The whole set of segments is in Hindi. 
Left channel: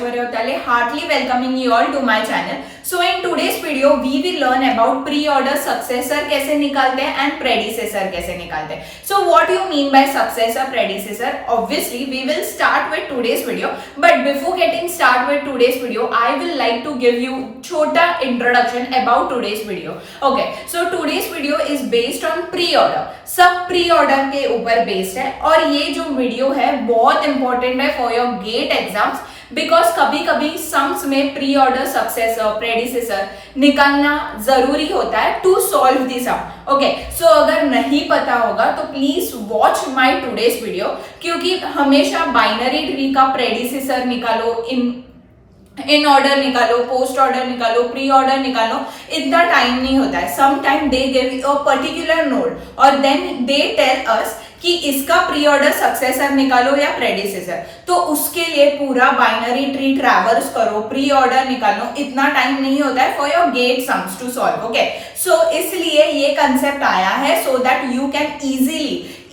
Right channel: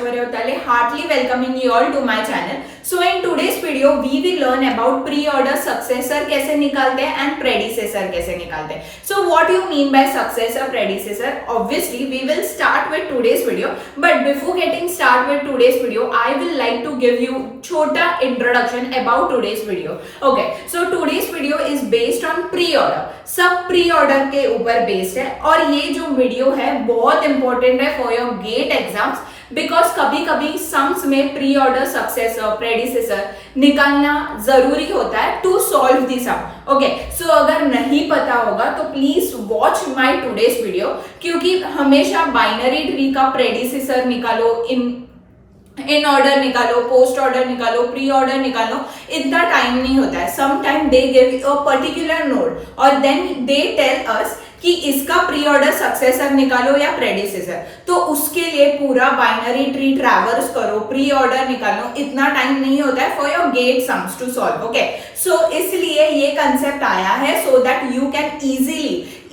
Aishwarya Utale, heartily welcoming you all to my channel. So in today's video, we will learn about pre-order successor कैसे निकालते हैं and predecessor कैसे निकालते हैं. So what you mean by successor, predecessor? Obviously, we will start with today's video. But before getting start with today's video, I will like to give you छोटा introduction about today's video. Okay, so today's video is based on pre-order. सब pre-order के ऊपर based है और ये जो video है बहुत important है for your GATE exams because कभी कभी सम्स में प्री ऑर्डर सक्सेसर प्रेडिसेसर निकालना जरूरी होता है to solve the sum. Okay, so अगर नहीं पता होगा तो please watch my today's video, क्योंकि हमेशा बाइनरी ट्री का प्रेडिसेसर निकालो, इन ऑर्डर निकालो, पोस्ट ऑर्डर निकालो, प्री ऑर्डर निकालो, इतना टाइम नहीं होता है. Some time they give a particular node और देन दे टेल अस कि इसका प्री ऑर्डर सक्सेसर निकालो या प्रेडिसेसर. तो उसके लिए पूरा बाइनरी ट्री ट्रैवर्स करो, प्री ऑर्डर निकालो, इतना टाइम नहीं होता है for your GATE sums to solve. Okay, so इसलिए ये कंसेप्ट आया है so that you can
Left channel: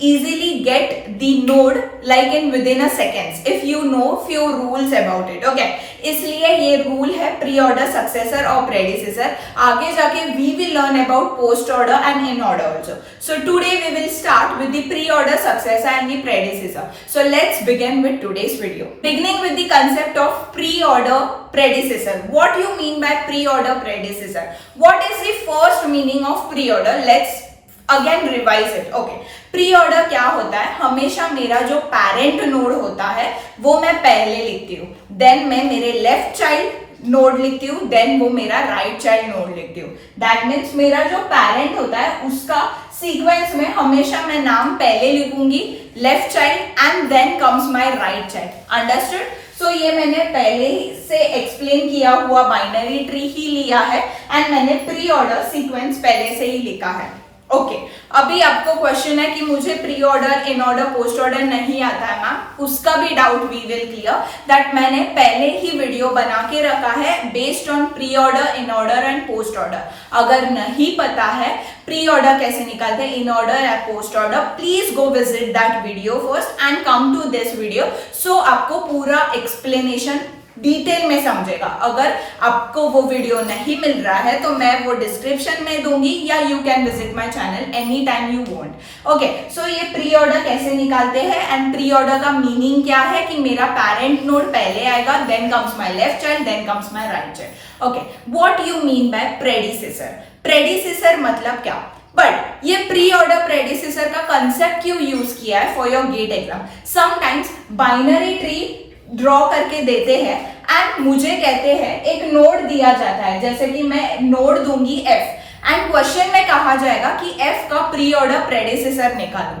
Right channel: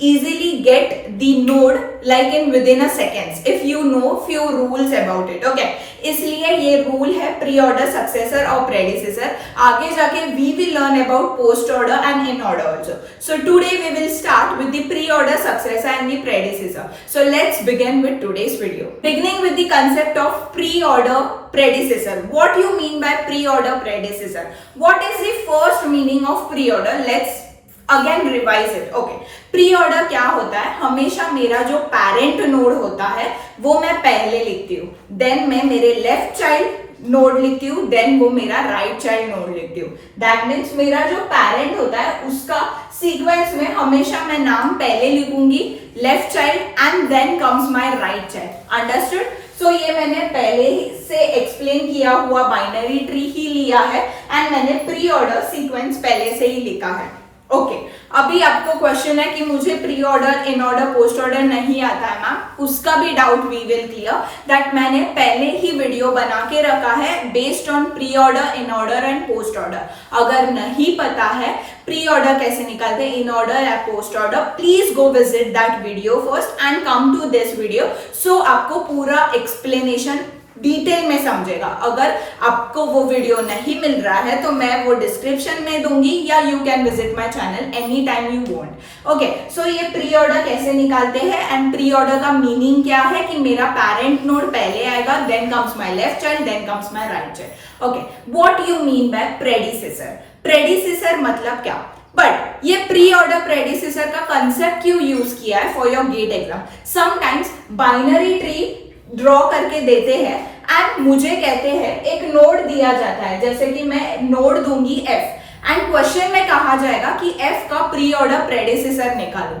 easily get the node like in within a seconds if you know few rules about it. Okay, इसलिए ये रूल है प्री ऑर्डर सक्सेसर और प्रेडिसेसर. आगे जाके we will learn about post order and in order also. So today we will start with the pre order successor and the predecessor. So let's begin with today's video. Beginning with the concept of pre order predecessor. What you mean by pre order predecessor? What is the first meaning of pre order? Let's again revise it. Okay, pre order क्या होता है? हमेशा मेरा जो पेरेंट नोड होता है वो मैं पहले लिखती हूँ, देन मैं मेरे लेफ्ट चाइल्ड नोड लिखती हूँ, देन वो मेरा राइट चाइल्ड नोड लिखती हूँ. दैट मीन्स मेरा जो पेरेंट होता है उसका सीक्वेंस में हमेशा मैं नाम पहले लिखूंगी, left child and then comes my right child. Understood? So ये मैंने पहले से एक्सप्लेन किया हुआ बाइनरी ट्री ही लिया है एंड मैंने प्री ऑर्डर सीक्वेंस पहले से ही लिखा है. ओके, अभी आपको क्वेश्चन है कि मुझे pre order, in order, post order नहीं आता है मैम, उसका भी doubt we will clear. That मैंने पहले ही वीडियो बना के रखा है based on pre order, in order and post order. अगर नहीं पता है प्री ऑर्डर कैसे निकालते हैं, इन ऑर्डर या post order, please go visit that video first and come to this video. So आपको पूरा एक्सप्लेनेशन डिटेल में समझेगा. अगर आपको वो वीडियो नहीं मिल रहा है तो मैं वो डिस्क्रिप्शन में दूंगी या you can visit my channel any time you want. Okay, so ये प्री ऑर्डर कैसे निकालते हैं एंड प्री ऑर्डर का मीनिंग क्या है कि मेरा पेरेंट नोड पहले आएगा, then comes my left child, then comes my right child. Okay, what you mean by predecessor? Predecessor मतलब क्या? बट ये प्री ऑर्डर प्रेडिसेसर का कंसेप्ट क्यों यूज किया है for your GATE exam? Sometimes binary tree draw करके देते हैं एंड मुझे कहते हैं एक नोड दिया जाता है, जैसे कि मैं नोड दूंगी f एंड क्वेश्चन में कहा जाएगा कि f का प्री ऑर्डर प्रेडिसेसर निकालो.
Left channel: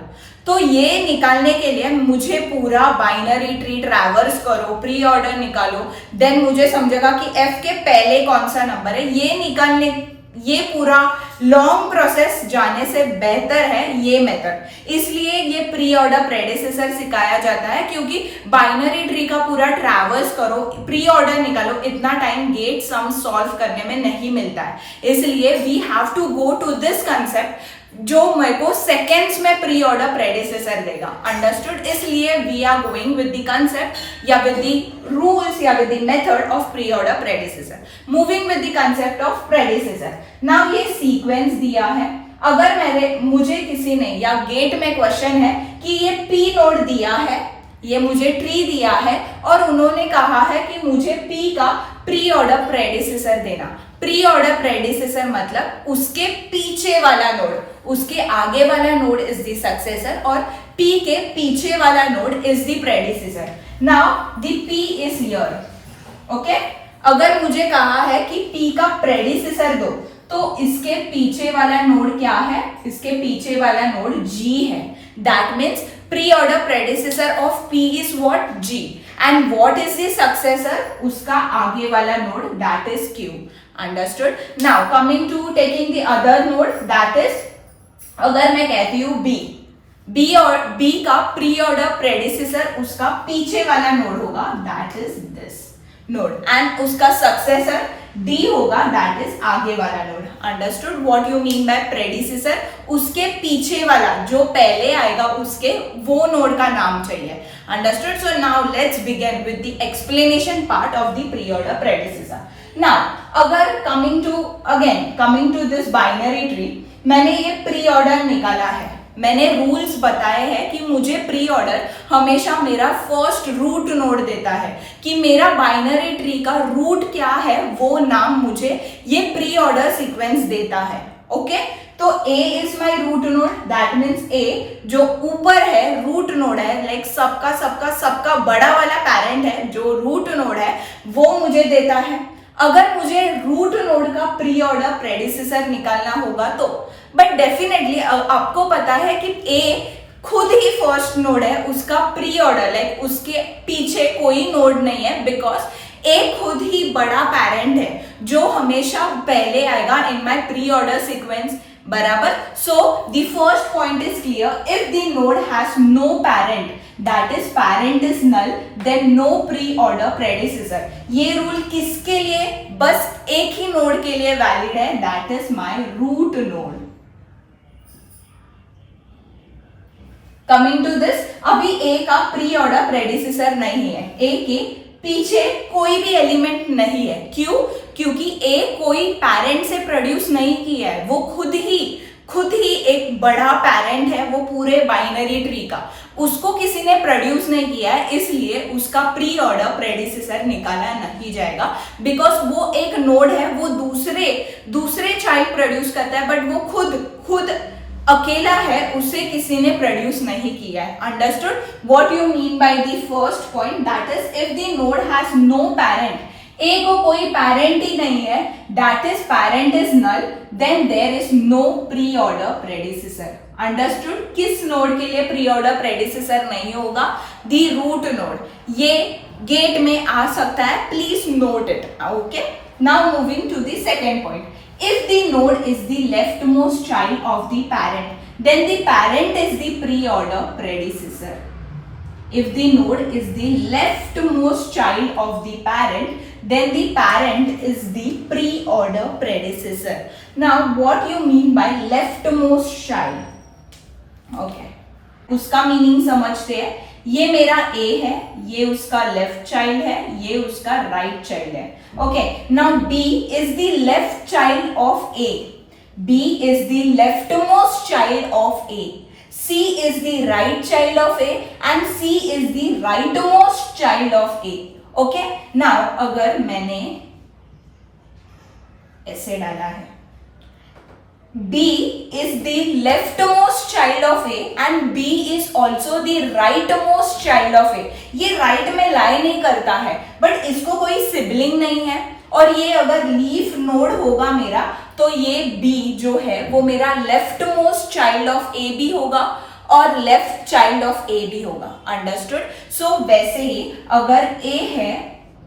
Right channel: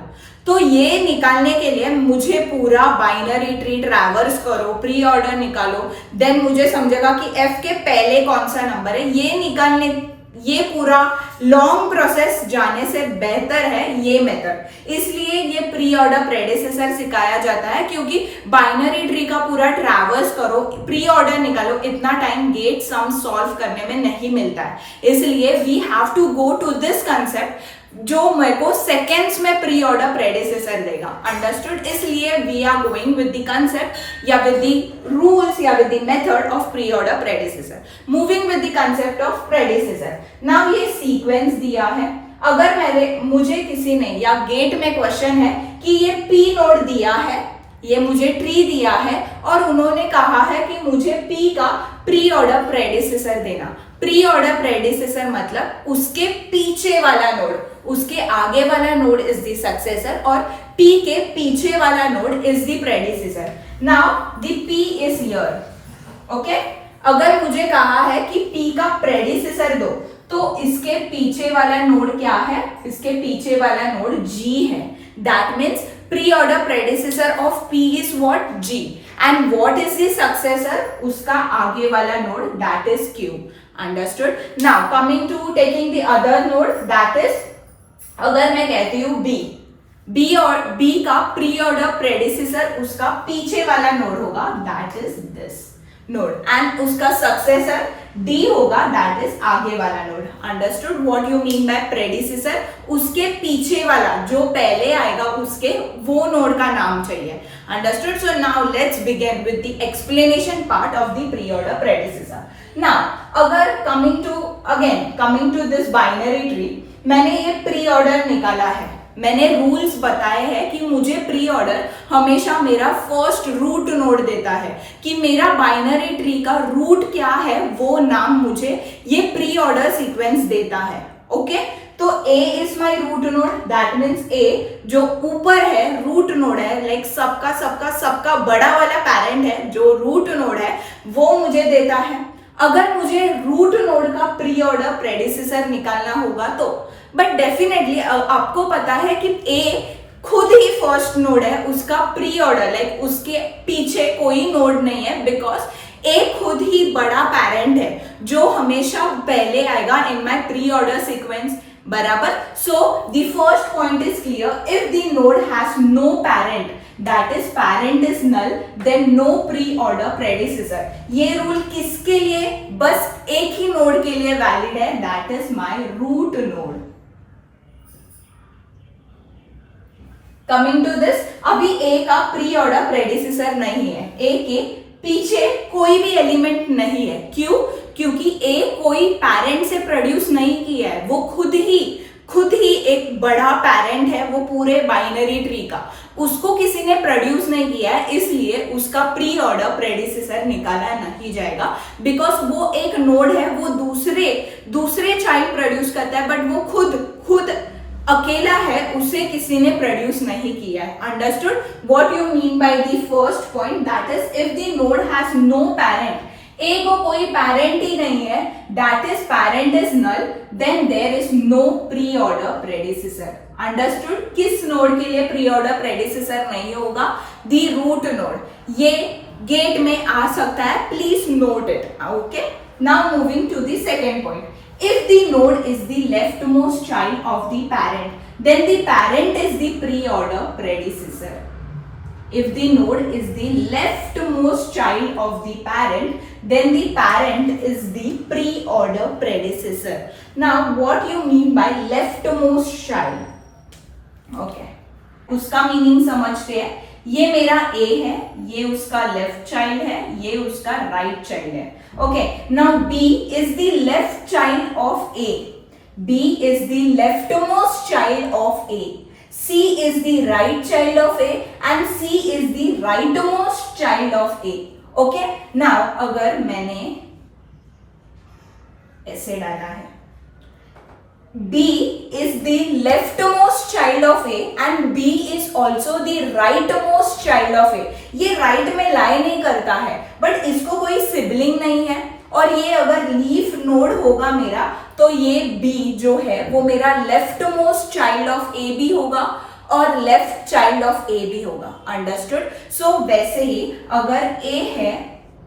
तो ये निकालने के लिए मुझे पूरा बाइनरी ट्री ट्रैवर्स करो, प्री ऑर्डर निकालो, देन मुझे समझेगा कि f के पहले कौन सा नंबर है. ये निकालने, ये पूरा लॉन्ग प्रोसेस जाने से बेहतर है ये मेथड. इसलिए ये प्री ऑर्डर प्रेडिसेसर सिखाया जाता है, क्योंकि बाइनरी ट्री का पूरा ट्रैवर्स करो, प्री ऑर्डर निकालो, इतना टाइम गेट सम सॉल्व करने में नहीं मिलता है. इसलिए we have to go to this concept जो मेरे को सेकेंड्स में प्री ऑर्डर प्रेडिसेसर देगा. अंडरस्टूड? इसलिए we are going with the concept या विद द रूल्स या with the method of pre order predecessor. Moving with the concept of predecessor. Now ये सीक्वेंस दिया है. अगर मुझे किसी ने या गेट में क्वेश्चन है कि ये पी नोड दिया है, ये मुझे ट्री दिया है और उन्होंने कहा है कि मुझे पी का प्री ऑर्डर प्रेडिसेसर देना. प्री ऑर्डर प्रेडिसेसर मतलब उसके पीछे वाला नोड, उसके आगे वाला नोड इज द सक्सेसर और पी के पीछे वाला node is the predecessor. Now the P is here. Okay, अगर मुझे कहा है कि पी का प्रेडिसेसर दो तो इसके पीछे वाला नोड क्या है? इसके पीछे वाला नोड जी है. That means pre order predecessor of P is what? G. And what is the successor? उसका आगे वाला node, that is Q. Understood? Now coming to taking the other node, that is, अगर मैं कहती हूँ बी और बी का प्री ऑर्डर प्रेडिसेसर उसका पीछे वाला नोड होगा, that is this node, and उसका सक्सेसर डी होगा, दैट इज आगे वाला node. Understood what you mean by predecessor? उसके पीछे वाला जो पहले आएगा उसके वो नोड का नाम चाहिए. Understood? So now let's begin with the explanation part of the pre order predecessor. Now अगर coming to this binary tree, मैंने ये प्री ऑर्डर निकाला है, मैंने रूल्स बताए हैं कि मुझे प्री ऑर्डर हमेशा मेरा फर्स्ट रूट नोड देता है, कि मेरा बाइनरी ट्री का रूट क्या है वो नाम मुझे ये प्री ऑर्डर सीक्वेंस देता है। ओके, तो A is my root node, that means A जो ऊपर है रूट नोड है, लाइक सबका बड़ा वाला पैरेंट है, जो रूट नोड है वो मुझे देता है। अगर मुझे रूट नोड का प्री ऑर्डर प्रेडिसेसर निकालना होगा तो, बट डेफिनेटली आपको पता है कि A खुद ही फर्स्ट नोड है, उसका प्री ऑर्डर लाइक उसके पीछे कोई नोड नहीं है, बिकॉज A खुद ही बड़ा पैरेंट है जो हमेशा पहले आएगा in my pre order sequence, बराबर। So the first point is clear, if the node has no parent, that is parent is null, then no pre order predecessor. ये रूल किसके लिए? बस एक ही नोड के लिए वैलिड है, that is my root node. Coming to this, अभी A का प्री ऑर्डर प्रेडिसेसर नहीं है, A के पीछे कोई भी एलिमेंट नहीं है। क्यों? क्योंकि A कोई पैरेंट से प्रोड्यूस नहीं किया है, वो खुद ही एक बड़ा पैरेंट है वो पूरे बाइनरी ट्री का, उसको किसी ने प्रोड्यूस नहीं किया है, इसलिए उसका प्री ऑर्डर प्रेडिसेसर निकाला नहीं जाएगा, बिकॉज वो एक नोड है, वो दूसरे चाइल्ड प्रोड्यूस करता है, बट वो खुद अकेला है, उसे किसी ने प्रोड्यूस नहीं किया है। Understood what you mean by the first point, that is if the node has no parent, A को कोई पैरेंट ही नहीं है, that is parent is null, then there is no pre order predecessor. Understood? किस नोड के लिए प्री ऑर्डर प्रेडिसेसर नहीं होगा? The root node. ये गेट में आ सकता है, please note it. Okay, now moving to the second point, if the node is the leftmost child of the parent, then the parent is the pre-order predecessor. If the node is the leftmost child of the parent, then the parent is the pre-order predecessor. Now, what you mean by leftmost child? Okay, उसका मीनिंग समझते हैं। ये मेरा A है, ये उसका लेफ्ट चाइल्ड है, ये उसका राइट चाइल्ड है। Okay, now B is the left child of A, B is the leftmost child of A, C is the right child of A and C is the rightmost child of A। Okay, now अगर मैंने ऐसे डाला है, B is the leftmost child of A and B is also the rightmost child of A. ये राइट में लाई नहीं करता है, बट इसको कोई सिबलिंग नहीं है, और ये अगर लीफ नोड होगा मेरा, तो ये B जो है वो मेरा लेफ्टमोस्ट चाइल्ड ऑफ A भी होगा और लेफ्ट चाइल्ड ऑफ A भी होगा। अंडरस्टूड? सो वैसे ही अगर A है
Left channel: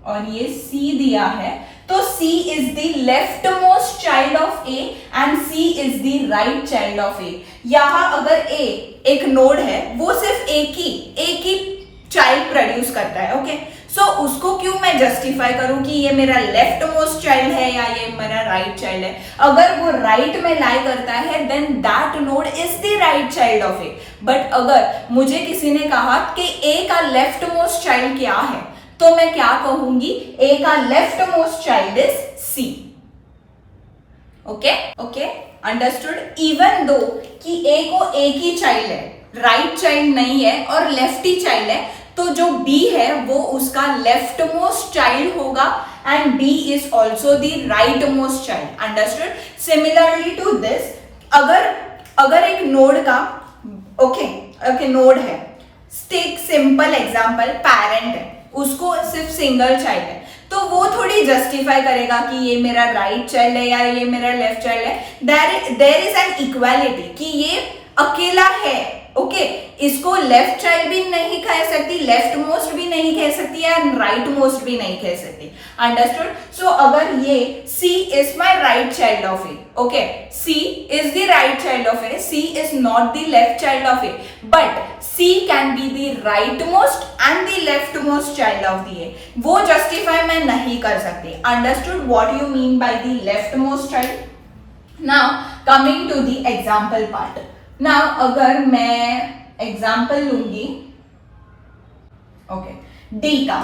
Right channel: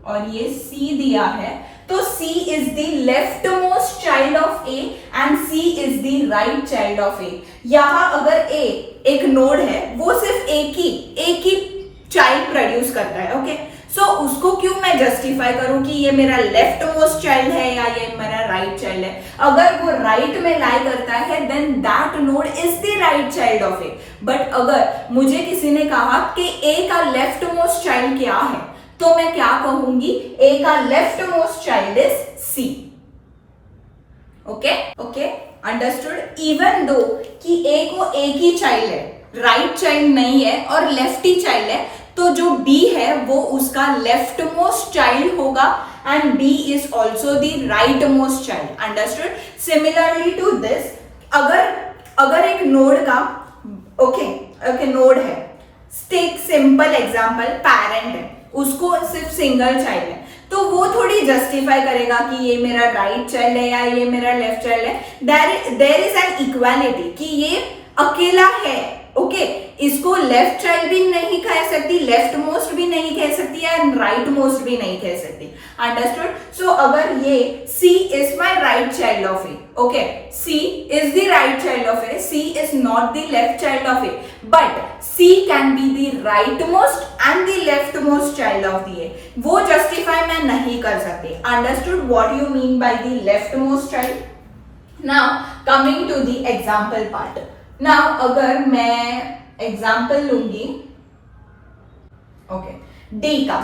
और ये C दिया है, तो C is the leftmost child of A and C is the right child of A. यहाँ अगर A एक नोड है, वो सिर्फ एक ही चाइल्ड प्रोड्यूस करता है। ओके, सो उसको क्यों मैं जस्टिफाई करूं कि ये मेरा लेफ्टमोस्ट चाइल्ड है या ये मेरा राइट चाइल्ड है? अगर वो राइट में लाई करता है, then that node is the right child of A। But अगर मुझे किसी ने कहा कि A का लेफ्टमोस्ट चाइल्ड क्या है, तो मैं क्या कहूंगी? A का leftmost child is C। Okay, understood? Even though कि A को एक ही चाइल्ड है, राइट चाइल्ड नहीं है और लेफ्टी चाइल्ड है, तो जो B है वो उसका लेफ्टमोस्ट चाइल्ड होगा and B is also the rightmost child. Understood? Similarly to this, अगर एक नोड का नोड है, टेक सिंपल एग्जांपल, पैरेंट है, उसको सिर्फ सिंगल चाइल्ड है, तो वो थोड़ी जस्टिफाई करेगा कि ये मेरा राइट चाइल्ड है या ये मेरा लेफ्ट चाइल्ड है। देयर इज एन इक्वालिटी कि ये अकेला है। ओके, इसको लेफ्ट चाइल्ड भी नहीं कह सकती, लेफ्ट मोस्ट भी नहीं कह सकती एंड राइट मोस्ट भी नहीं कह सकती। अंडरस्टूड? सो अगर ये C is my right child of A, okay, C is the right child of A, C is not the left child of A, but C can be the right most and the left most child of the A। वो जस्टिफाई मैं नहीं कर सकती। Understood what you mean by the left most child? Now coming to the example part. Now अगर मैं एग्जाम्पल लूंगी, ओके, डी का,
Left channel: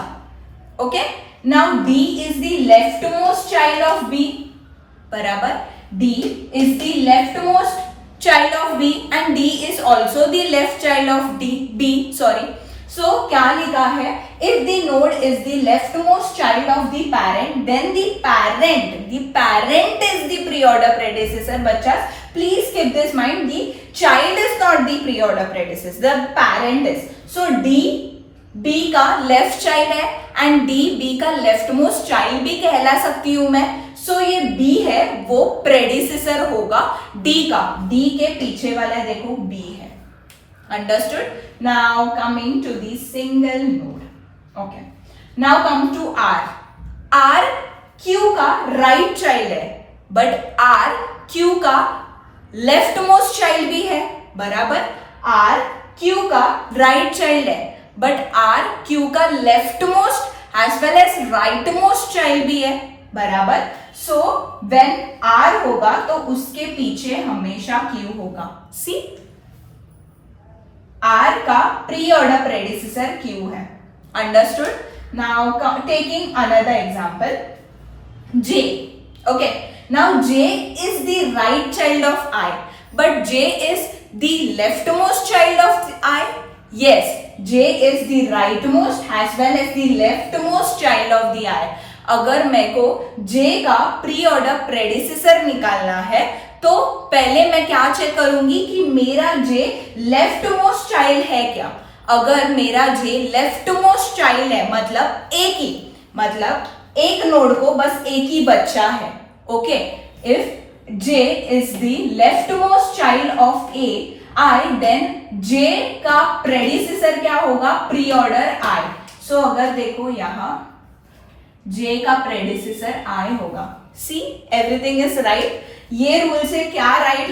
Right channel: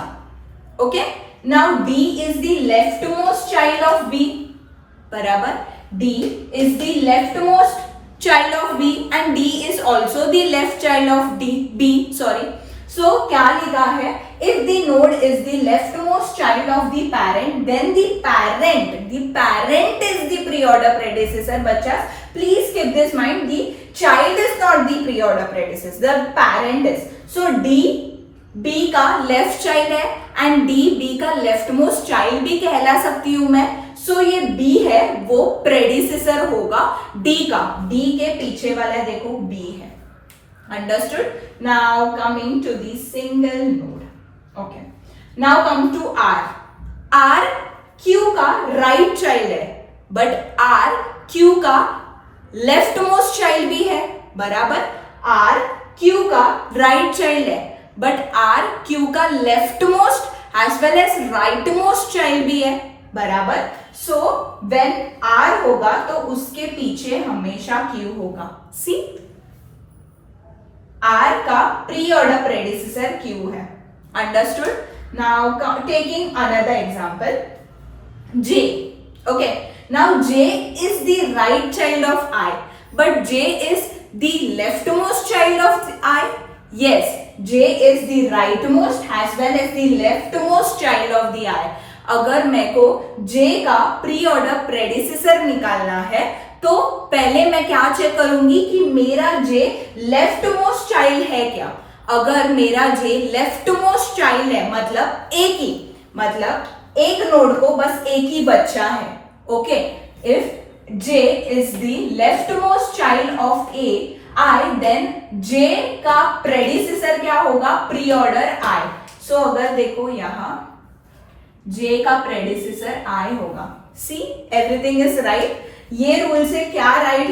okay, now D is the left most child of B, बराबर, D is the left most child of B and D is also the left child of B, sorry. So क्या लिखा है, if the node is the leftmost child of the parent, then the parent is the pre-order predecessor. बच्चा please keep this mind, the child is not the pre-order predecessor, the parent is. So D B का left child है and D B का leftmost child भी कहला सकती हूँ मैं. सो ये B है वो प्रेडिसेसर होगा D का, D के पीछे वाला देखो B है. Understood. Now coming to the single node. Okay, now come to R. R Q का राइट चाइल्ड है बट R Q का लेफ्ट मोस्ट चाइल्ड भी है, बराबर. R Q का राइट चाइल्ड है बट R Q का left most as well as right most child भी है, बराबर. सो व्हेन R होगा तो उसके पीछे हमेशा Q होगा. सी, R का प्री ऑर्डर प्रेडिसेसर Q है. Understood. Now taking another example, J. Okay, now J is the right child of I but J is the left most child of I. Yes, J is the rightmost as well as the leftmost child of the I. अगर मेरे को J का प्री ऑर्डर प्रेडिसेसर निकालना है तो पहले मैं क्या चेक करूंगी कि मेरा J लेफ्ट मोस्ट चाइल्ड है क्या. अगर मेरा J लेफ्ट मोस्ट चाइल्ड है मतलब एक नोड को बस एक ही बच्चा है. Okay, if J is the left most child of I, then J का प्रेडिसेसर क्या होगा, प्री ऑर्डर I. सो अगर देखो यहाँ J का प्रेडिसेसर I होगा. सी, एवरीथिंग इज राइट. ये रूल से क्या राइट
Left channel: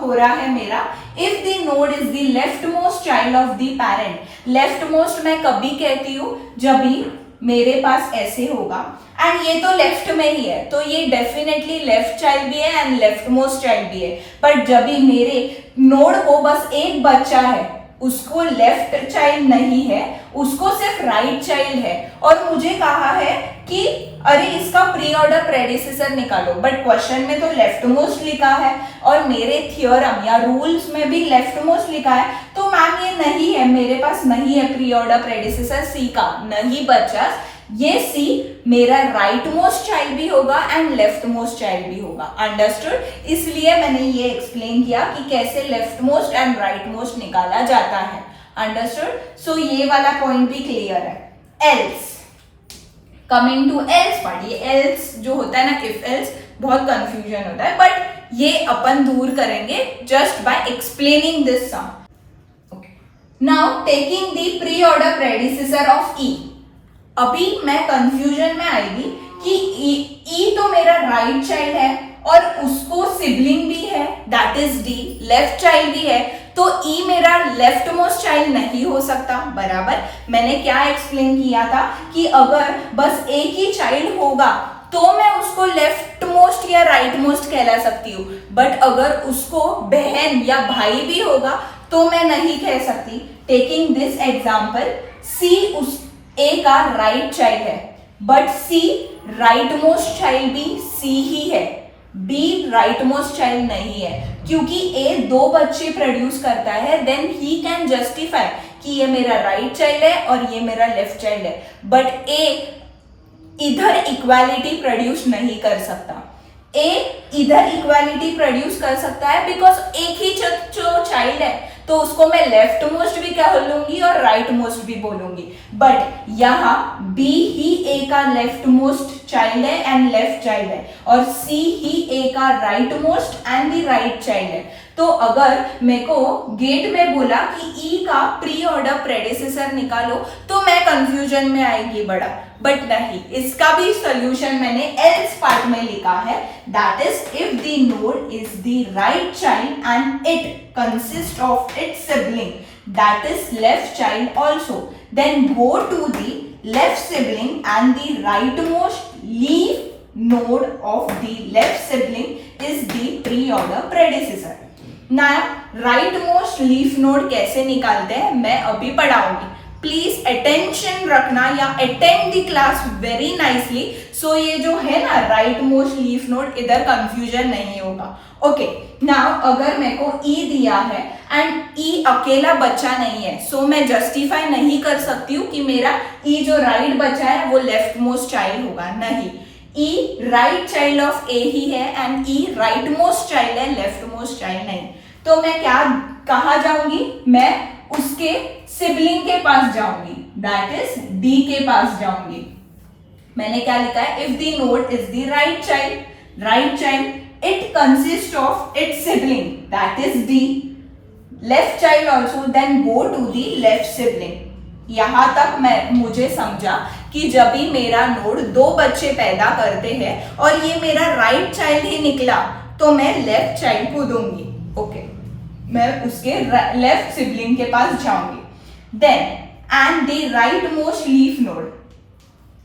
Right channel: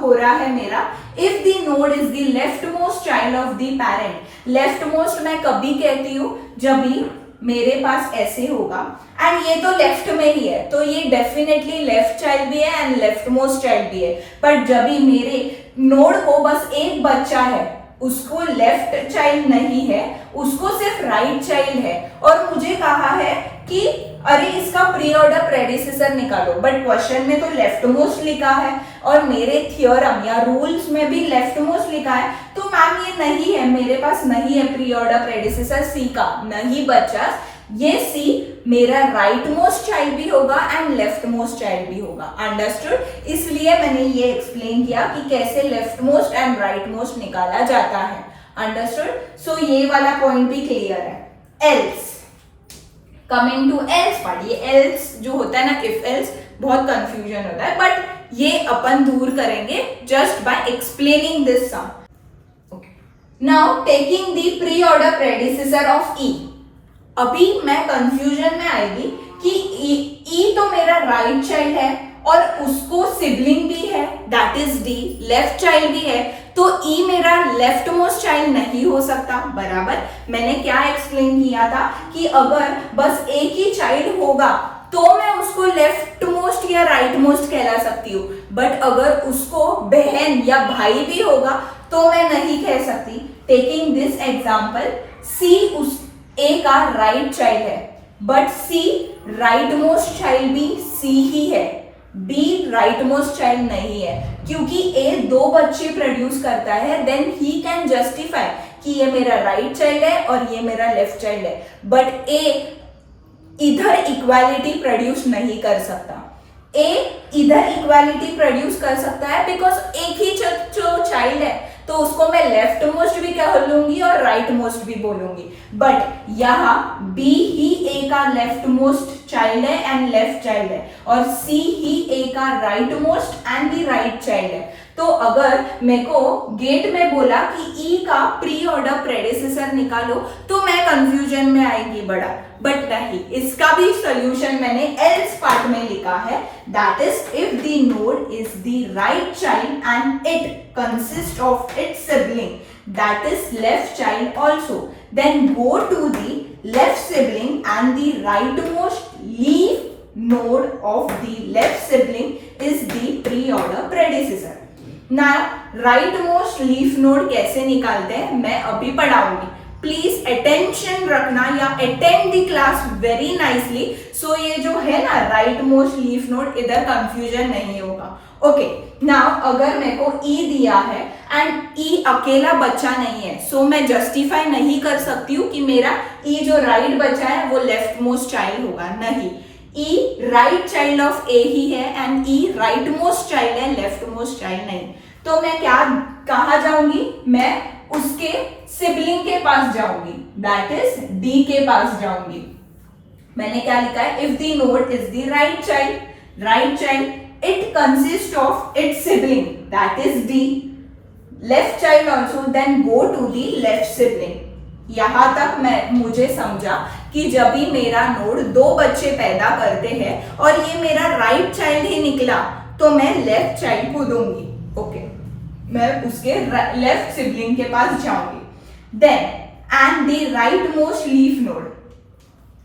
हो रहा है मेरा, if the node is the left most child of the parent. Left most मैं कभी कहती हूँ जब भी मेरे पास ऐसे होगा एंड ये तो लेफ्ट में ही है तो ये डेफिनेटली लेफ्ट चाइल्ड भी है एंड लेफ्ट मोस्ट चाइल्ड भी है. बट जब भी मेरे नोड को बस एक बच्चा है, उसको लेफ्ट चाइल्ड नहीं है, उसको सिर्फ राइट चाइल्ड है और मुझे कहा है कि अरे इसका प्री ऑर्डर प्रेडिसेसर निकालो, बट क्वेश्चन में तो लेफ्ट मोस्ट लिखा है और मेरे थियोरम या रूल्स में भी लेफ्ट मोस्ट लिखा है. तो मैम ये नहीं है, मेरे पास नहीं है प्री ऑर्डर प्रेडिसेसर सी का. नहीं बच्चा, ये सी मेरा राइट मोस्ट चाइल्ड भी होगा एंड लेफ्ट मोस्ट चाइल्ड भी होगा. अंडरस्टूड. इसलिए मैंने ये एक्सप्लेन किया कि कैसे left most and right most निकाला जाता है. अंडरस्टूड. सो ये वाला पॉइंट भी क्लियर है. Else, coming to else part. ये एल्स जो होता है ना, इफ एल्स, बहुत कंफ्यूजन होता है बट ये अपन दूर करेंगे just by explaining this sum. Okay, now taking the pre order predecessor of E. अभी मैं कंफ्यूजन में आएगी कि ई तो मेरा राइट चाइल्ड है और उसको सिबलिंग भी है, that is D, left child भी है, तो ई मेरा लेफ्ट मोस्ट चाइल्ड नहीं हो सकता. बराबर. मैंने क्या एक्सप्लेन किया था कि अगर बस एक ही चाइल्ड होगा तो मैं उसको लेफ्ट मोस्ट या राइट मोस्ट कहला सकती हूँ, बट अगर उसको बहन या भाई भी होगा तो मैं नहीं कह सकती. टेकिंग दिस एग्जाम्पल, सी उस ए का राइट चाइल्ड है but C right most child भी सी ही है, बी राइट मोस्ट चाइल्ड नहीं है. क्योंकि ए दो बच्चे प्रोड्यूस करता है देन ही कैन जस्टिफाई कि ये मेरा राइट चाइल्ड है और ये मेरा लेफ्ट चाइल्ड है, बट ए इधर इक्वालिटी प्रोड्यूस नहीं कर सकता. ए इधर इक्वालिटी प्रोड्यूस कर सकता है बिकॉज एक ही जो चाइल्ड है तो उसको मैं लेफ्ट मोस्ट भी कह लूंगी और राइट मोस्ट भी बोलूंगी. बट यहाँ बी ही ए का लेफ्ट मोस्ट चाइल्ड है एंड लेफ्ट चाइल्ड है और सी ही ए का right most and the right child है. तो अगर मेरे को गेट में बोला कि ई का प्री ऑर्डर प्रेडिसेसर निकालो तो मैं कंफ्यूजन में आएगी बड़ा, बट नहीं, इसका भी सॉल्यूशन मैंने एल्स पार्ट में लिखा है. That is if the node is the right child and it consist of its sibling that is left child also, then go to the left sibling and the right most leaf node of the left sibling is the pre-order predecessor. Now, right most leaf node कैसे निकालते हैं मैं अभी पढ़ाऊंगी. प्लीज अटेंशन रखना या attend the class very nicely, so ये जो है ना राइट मोस्ट लीफ नोड, इधर कंफ्यूजन नहीं होगा। ओके, नाउ अगर मेरे को ई दिया है एंड ई अकेला बच्चा नहीं है, सो मैं जस्टिफाई नहीं कर सकती हूँ कि मेरा ई जो राइट बच्चा है वो लेफ्ट मोस्ट चाइल्ड होगा, नहीं। ई राइट चाइल्ड ऑफ ए ही है and E right most child है, लेफ्ट मोस्ट चाइल्ड नहीं। तो मैं क्या कहा जाऊंगी, मैं उसके सिबलिंग के पास जाऊंगी, दैट इज डी के पास जाऊंगी। मैंने क्या लिखा है, if the node is the right child it consists of its sibling, that is D, left child also, then go to the left sibling। यहां तक मुझे समझा कि जब भी मेरा नोड दो बच्चे पैदा करते हैं और ये मेरा राइट चाइल्ड ही निकला तो मैं लेफ्ट चाइल्ड को दूंगी। ओके, मैं उसके लेफ्ट सिबलिंग के पास जाऊंगी। Then and the right most leaf node,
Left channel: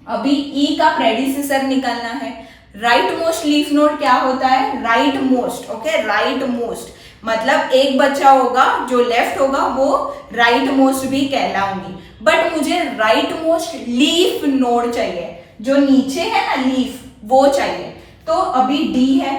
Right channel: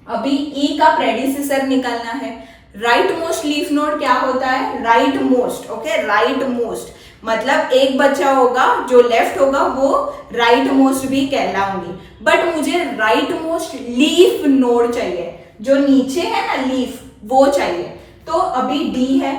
अभी ई का प्रेडिसेसर निकलना है। राइट मोस्ट लीफ नोड क्या होता है, right most. Okay, right most मतलब एक बच्चा होगा जो लेफ्ट होगा वो राइट मोस्ट भी कहलाऊंगी, बट मुझे राइट मोस्ट लीफ नोड चाहिए, जो नीचे है ना लीफ वो चाहिए। तो अभी डी है,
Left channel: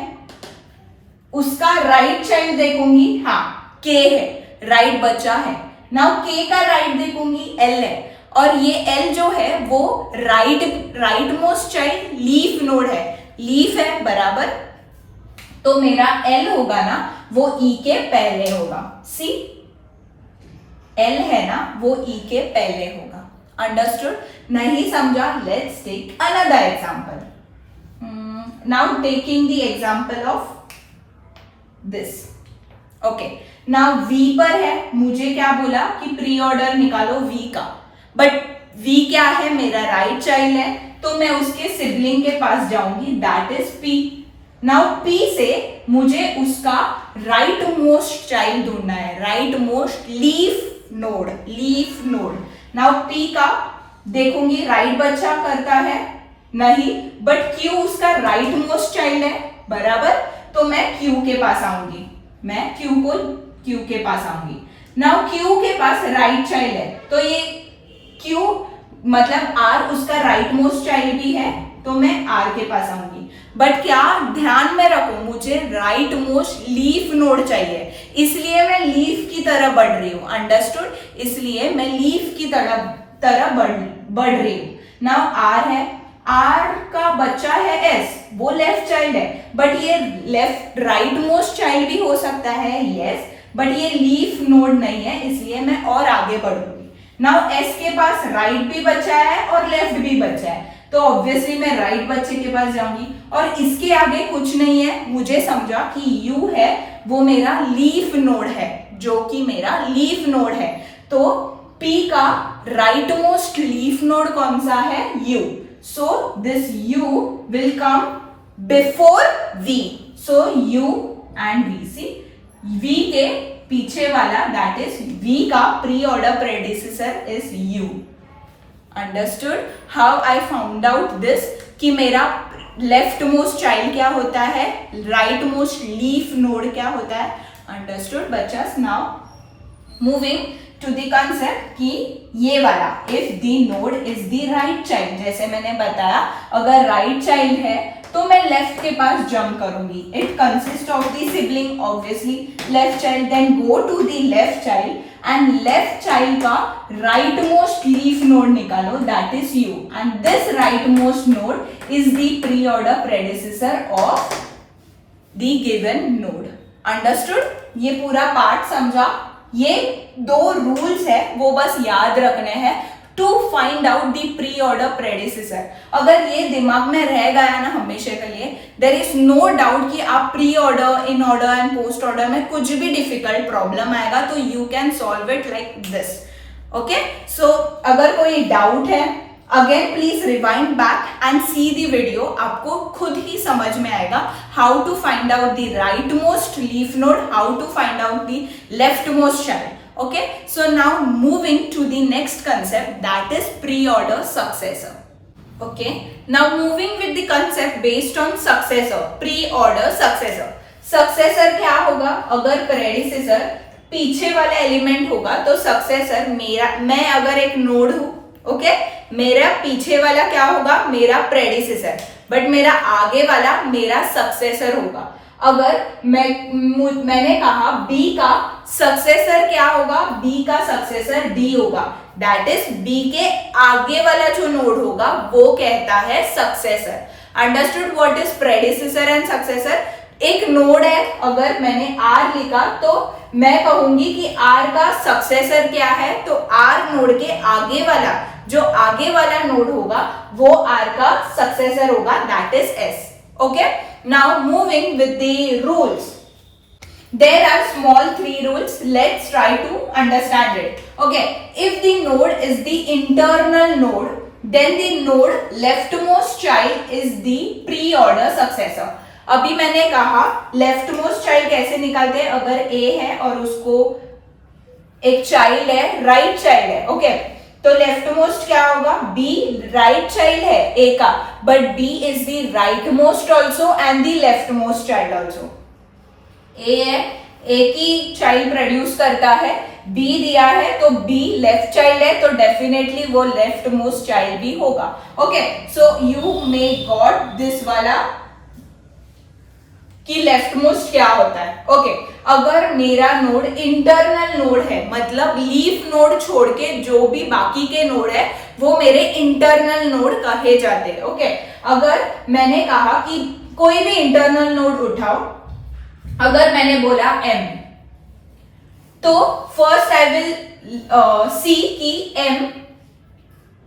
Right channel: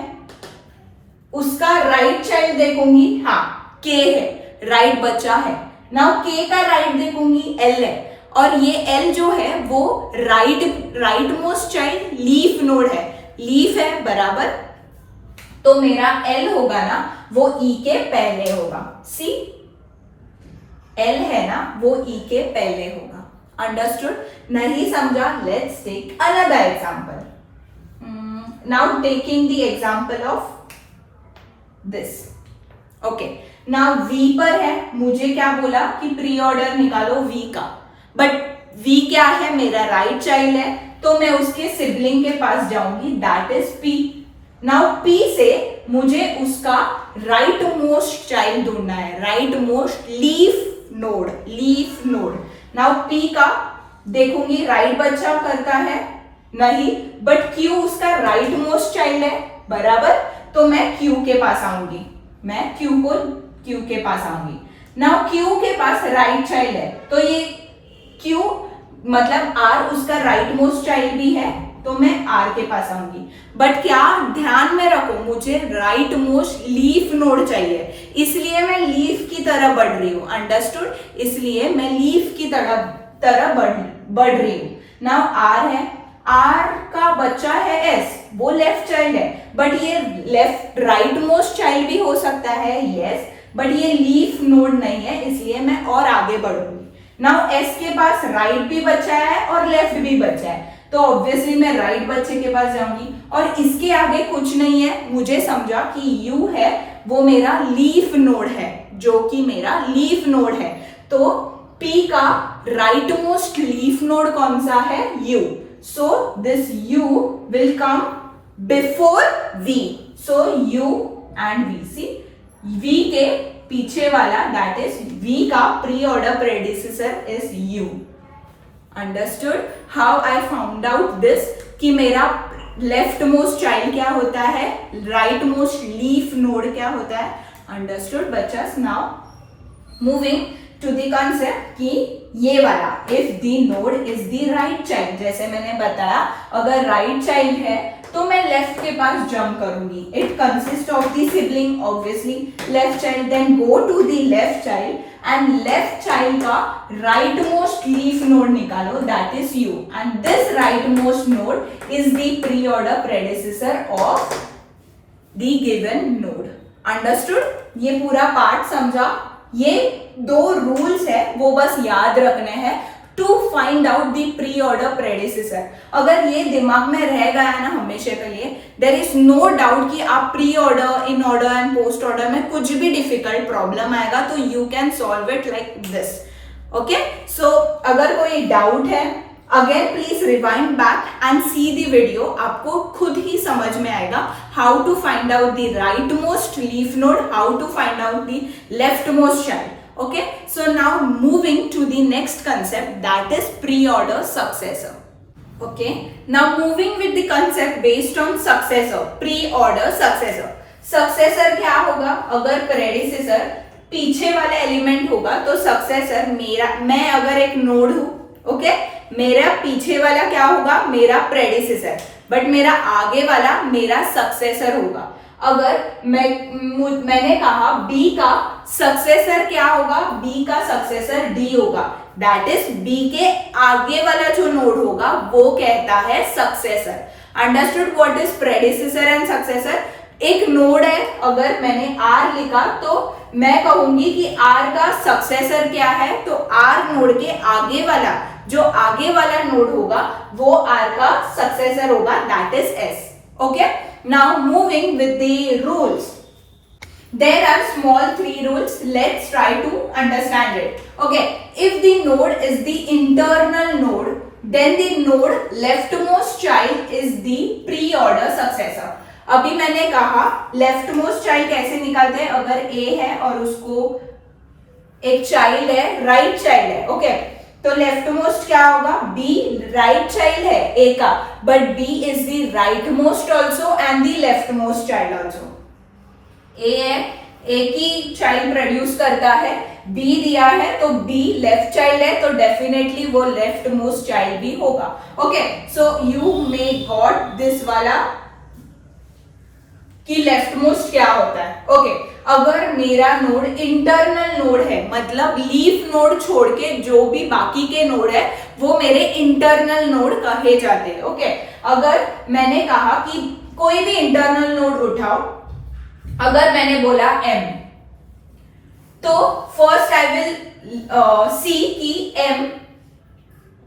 उसका राइट चाइल्ड देखूंगी, हाँ के है, राइट बच्चा है। नाउ के का राइट देखूंगी, एल है, और ये एल जो है वो right most child leaf node है, लीफ है बराबर। तो मेरा एल होगा ना वो ई के पहले होगा, सी एल है ना वो ई के पहले होगा। अंडरस्टूड? नहीं समझा? Let's take another example. Now taking the example of this. Okay, now V पर है, मुझे क्या बोला कि प्री ऑर्डर निकालो वी का, बट वी क्या है, मेरा राइट चाइल्ड है, तो मैं उसके सिबलिंग के पास जाऊंगी, that is P. Now P से मुझे उसका राइट मोस्ट चाइल्ड ढूंढना है, right most leaf node. Now P का देखूंगी राइट बच्चा करता है, नहीं, बट क्यू उसका राइट मोस्ट चाइल्ड है बराबर, तो मैं क्यू के पास आऊंगी, मैं क्यू के पास आऊंगी। नाउ क्यू के पास राइट चाइल्ड है, तो ये क्यू मतलब आर उसका राइट मोस्ट चाइल्ड भी है, तो मैं आर के पास आऊंगी। बट क्या ध्यान में रखो, मुझे राइट मोस्ट लीफ नोड चाहिए, इसलिए मैं लीफ की तरह बढ़ रही हूं। अंडरस्टूड? इसलिए मैं लीफ की तरह बढ़ रही हूं। नाउ आर है, आर का बच्चा है एस, वो लेफ्ट चाइल्ड है, बट ये लेफ्ट राइट मोस्ट चाइल्ड भी हो सकता है, यस, बट ये लीफ नोड नहीं है, इसलिए मैं और आगे बढ़ूंगी। नाउ एस के पास राइट भी बच्चा है और लेफ्ट भी बच्चा है, तो ऑब्वियसली मैं राइट बच्चे के पास जाऊंगी, और इसके आगे कुछ नहीं है। मुझे समझा कि यू है वो मेरा लीफ नोड है, जो कि मेरा लीफ नोड है, तो पी का राइट मोस्ट लीफ नोड कौन सा है, U. So this U will come before V, so U and V. See V के पीछे वाला दैट इज V का pre order predecessor is U। Understood how I found out this, कि मेरा लेफ्ट मोस्ट चाइल्ड क्या होता है, राइट मोस्ट लीफ नोड क्या होता है। अंडरस्टूड बच्चास? Now moving to the concept कि ये वाला if the node is the right child, जैसे मैंने बताया अगर राइट चाइल्ड है तो मैं लेफ्ट के पास जंप करूंगी। It consist of the sibling obviously left child, then go to the left child and left child का राइट मोस्ट लीफ नोड निकालो, that is U, and this right most node is the pre order predecessor of the given node. Understood? ये पूरा पार्ट समझा? ये दो रूल्स है वो बस याद रखने हैं to find out the pre order predecessor. अगर ये दिमाग में रह गया ना हमेशा के लिए, देयर इज नो डाउट कि आप pre order, in order and post order में कुछ भी डिफिकल्ट प्रॉब्लम आएगा तो you can solve it like this. Okay, so अगर कोई डाउट है again please rewind back and see the video, आपको खुद ही समझ में आएगा how to find out the right most leaf node, how to find out the left most child. Okay, so now moving to the next concept, that is pre-order successor. Okay, now moving with the concept based on successor, pre-order successor. Successor क्या होगा? अगर predecessor पीछे वाला एलिमेंट होगा तो सक्सेसर मेरा, मैं अगर एक नोड हूं, ओके, मेरा पीछे वाला क्या होगा, मेरा प्रेडिसेसर, बट मेरा आगे वाला मेरा सक्सेसर होगा। अगर मैंने कहा बी का सक्सेसर क्या होगा, बी का सक्सेसर डी होगा, दैट इज बी के आगे वाला जो नोड होगा वो कहता है successor. Understood what is predecessor and successor? एक नोड है, अगर मैंने आर लिखा तो मैं कहूंगी कि आर का सक्सेसर क्या है, तो आर नोड के आगे वाला, जो आगे वाला नोड होगा वो आर का सक्सेसर होगा, that is S. Okay, now moving with the rules. There are small 3 rules. Let's try to understand it. Okay, if the node is the internal node, then the node leftmost child is the pre-order successor. अभी मैंने कहा leftmost child कैसे निकालते हैं, अगर A है और उसको एक चाइल्ड है, राइट चाइल्ड है, ओके, तो लेफ्टमोस्ट क्या होगा, B राइट चाइल्ड है A का, but B is the right most also and the leftmost child also. A है, ए की चाइल्ड प्रोड्यूस करता है, बी दिया है तो बी लेफ्ट चाइल्ड है, तो डेफिनेटली वो लेफ्ट मोस्ट चाइल्ड भी होगा। Okay, so you may got this वाला कि लेफ्ट मोस्ट क्या होता है। ओके, अगर मेरा नोड इंटरनल नोड है, मतलब लीफ नोड छोड़ के जो भी बाकी के नोड है वो मेरे इंटरनल नोड कहे जाते हैं। ओके, अगर मैंने कहा कि कोई भी इंटरनल नोड उठाओ, अगर मैंने बोला m, तो फर्स्ट आई विल सी कि m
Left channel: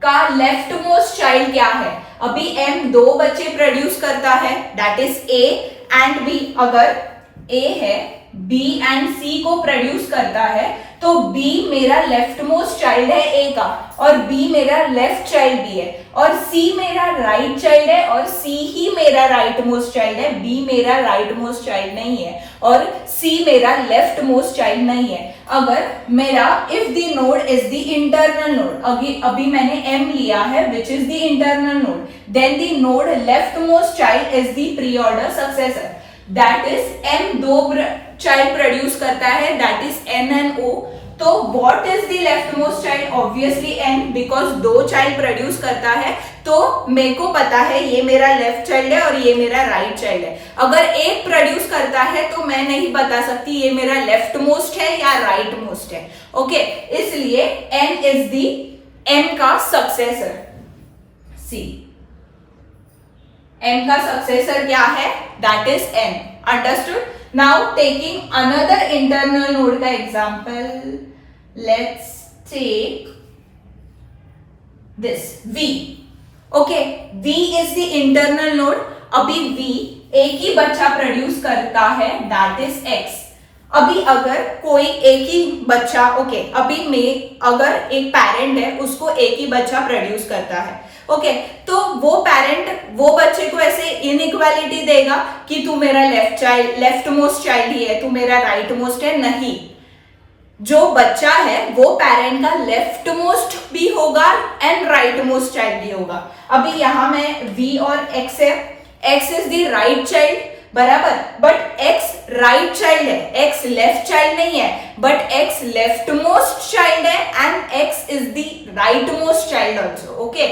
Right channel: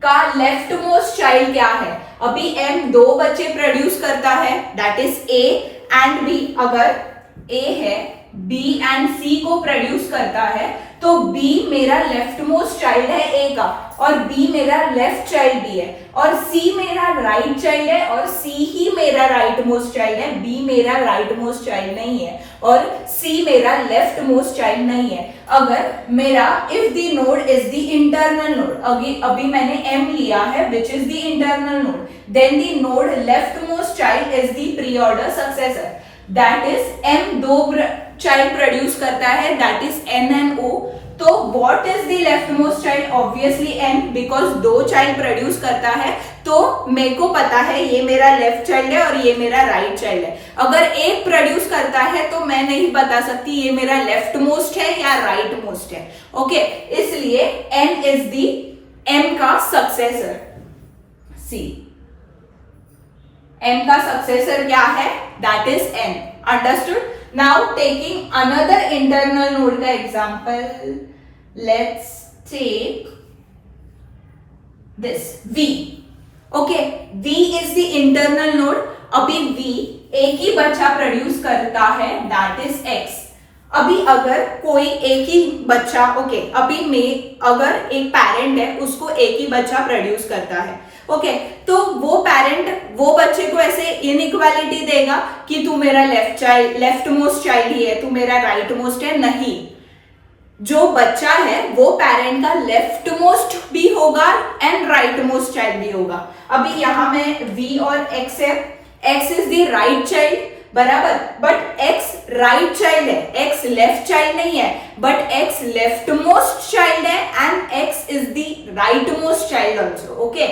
का लेफ्ट मोस्ट चाइल्ड क्या है। अभी m 2 बच्चे प्रोड्यूस करता है, that is a and b। अगर a है, b एंड c को प्रोड्यूस करता है, तो b मेरा लेफ्ट मोस्ट चाइल्ड है a का, और b मेरा लेफ्ट चाइल्ड भी है, और c मेरा राइट चाइल्ड है, और c ही मेरा राइट मोस्ट चाइल्ड है, b मेरा राइट मोस्ट चाइल्ड नहीं है, और c मेरा लेफ्ट मोस्ट चाइल्ड नहीं है। अगर मेरा if the node is the internal node, अभी मैंने m लिया है which is the internal node, then the node left most child is the pre order successor, that is m 2 child produce करता है, that is n and o। तो what is the left most child, obviously n, because 2 child produce करता है, तो मेरे को पता है ये मेरा लेफ्ट चाइल्ड है और ये मेरा राइट चाइल्ड है। अगर एक प्रोड्यूस करता है तो मैं नहीं बता सकती ये मेरा लेफ्ट मोस्ट है या राइट मोस्ट है। ओके, इसलिए n इज द m का सक्सेसर, c n का सक्सेसर क्या है, that is n। Understood? Now taking another internal node का example, let's take this v। Okay, v is the internal node. अभी v एक ही बच्चा प्रोड्यूस करता है, दैट इज x। अभी अगर कोई एक ही बच्चा, ओके, अभी में अगर एक पेरेंट है उसको एक ही बच्चा प्रोड्यूस करता है, ओके, तो वो पेरेंट वो बच्चे को ऐसे इनइक्वालिटी देगा कि तू मेरा लेफ्ट मोस्ट चाइल्ड ही है, तू मेरा राइट मोस्ट है, नहीं। जो बच्चा है वो पेरेंट का लेफ्ट मोस्ट भी होगा एंड राइट मोस्ट चाइल्ड भी होगा। अभी यहां में v और x है, x is the right child, बराबर, बट x राइट चाइल्ड है, x लेफ्ट चाइल्ड नहीं है, but x left most child है and x is the right most child also. Okay,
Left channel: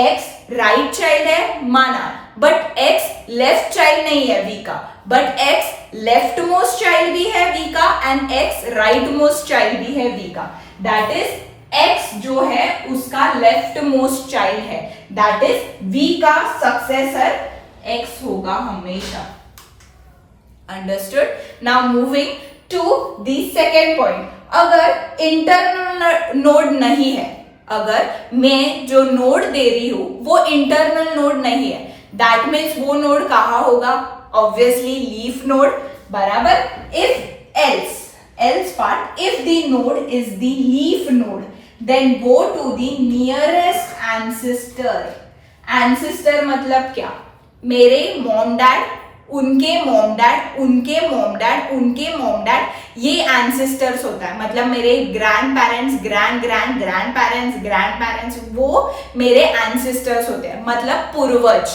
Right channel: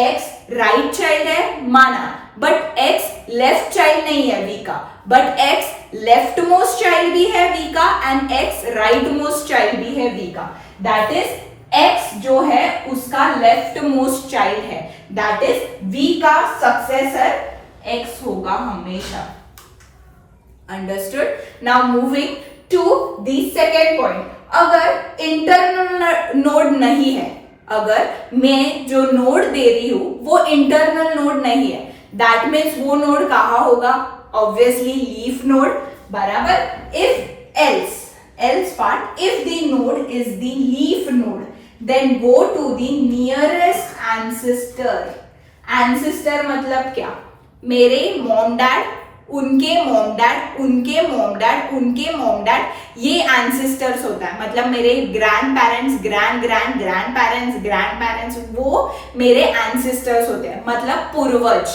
x right child है माना, बट x लेफ्ट चाइल्ड नहीं है v का, but x left most child भी है v का and x right most child भी है v का, दैट इज x जो है उसका लेफ्ट मोस्ट चाइल्ड है, दैट इज v का सक्सेसर x होगा हमेशा। Understood? Now moving to the second point, अगर इंटरनल नोड नहीं है, अगर मैं जो नोड दे रही हूं वो इंटरनल नोड नहीं है, दैट मीन्स वो नोड कहां होगा, ऑब्वियसली लीफ नोड, बराबर। If else part, if the node is the leaf node, then go to the nearest ancestor. Ancestor मतलब क्या, मेरे मॉम डैड, उनके मॉम डैड, उनके मॉम डैड, उनके मॉम डैड, ये एंसेस्टर्स होता है, मतलब मेरे grandparents, grand grand grandparents, grandparents, वो मेरे एंसेस्टर्स होते हैं, मतलब पूर्वज।